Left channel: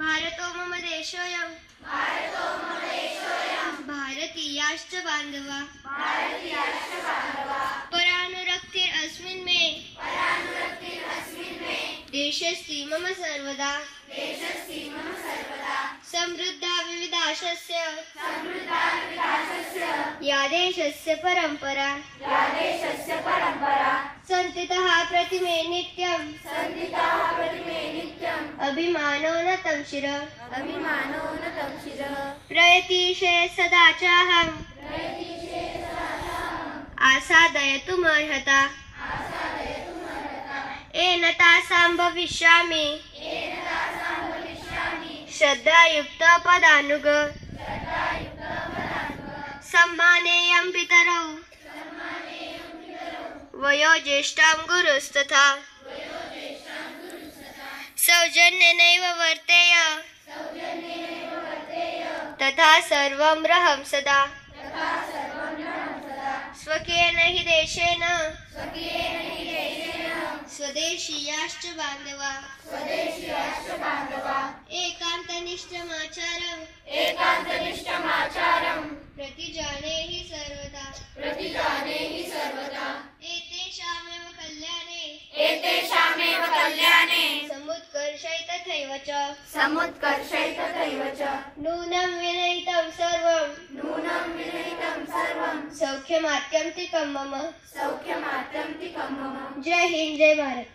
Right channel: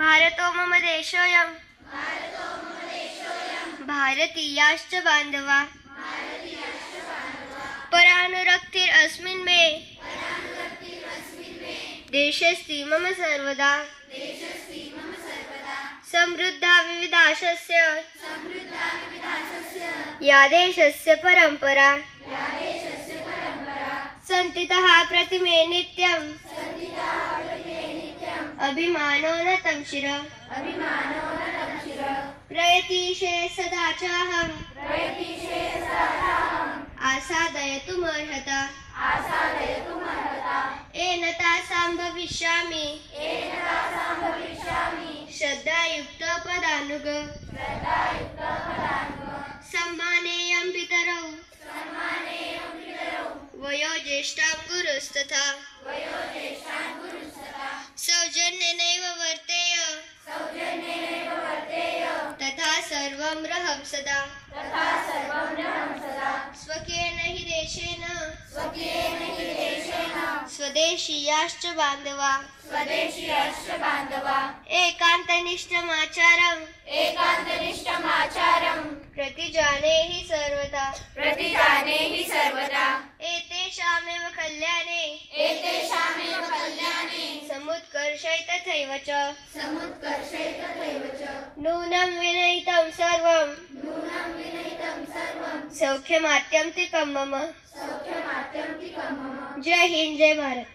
भारतो मम देशोऽयं भारतीयाश्च बान्धवा परानुरक्तिरस्मिन् मे देशस्ति मम सर्वदा समृद्धा विविधाशस्य या देशस्य परम्परा सन्तितः प्रतिमे नित्यम् अभिमानो न तं शिर प्रयतिशे सदा चाहम् आसादयतुमर्हता येन तासां भविष्यामि श्रद्धायुक्त पदानुग सम्मानेयं पितरौ वयोज्येष्ठां गुरुस्तथा सौजन्येनैव वर्तेय तथा सर्वं रहं सदा स्वकीयेन हि देशेन स्वदेशीयाश्च बान्धवा एकान्तनिष्ठमाचारं प्रतिजाने हि सर्वदा एतेषामेव कल्याणे समुत्कर्षै तथैव च नूनं विनयितं सर्वं सौख्यमात्यन्तिकं मम जय हिंद जय भारत।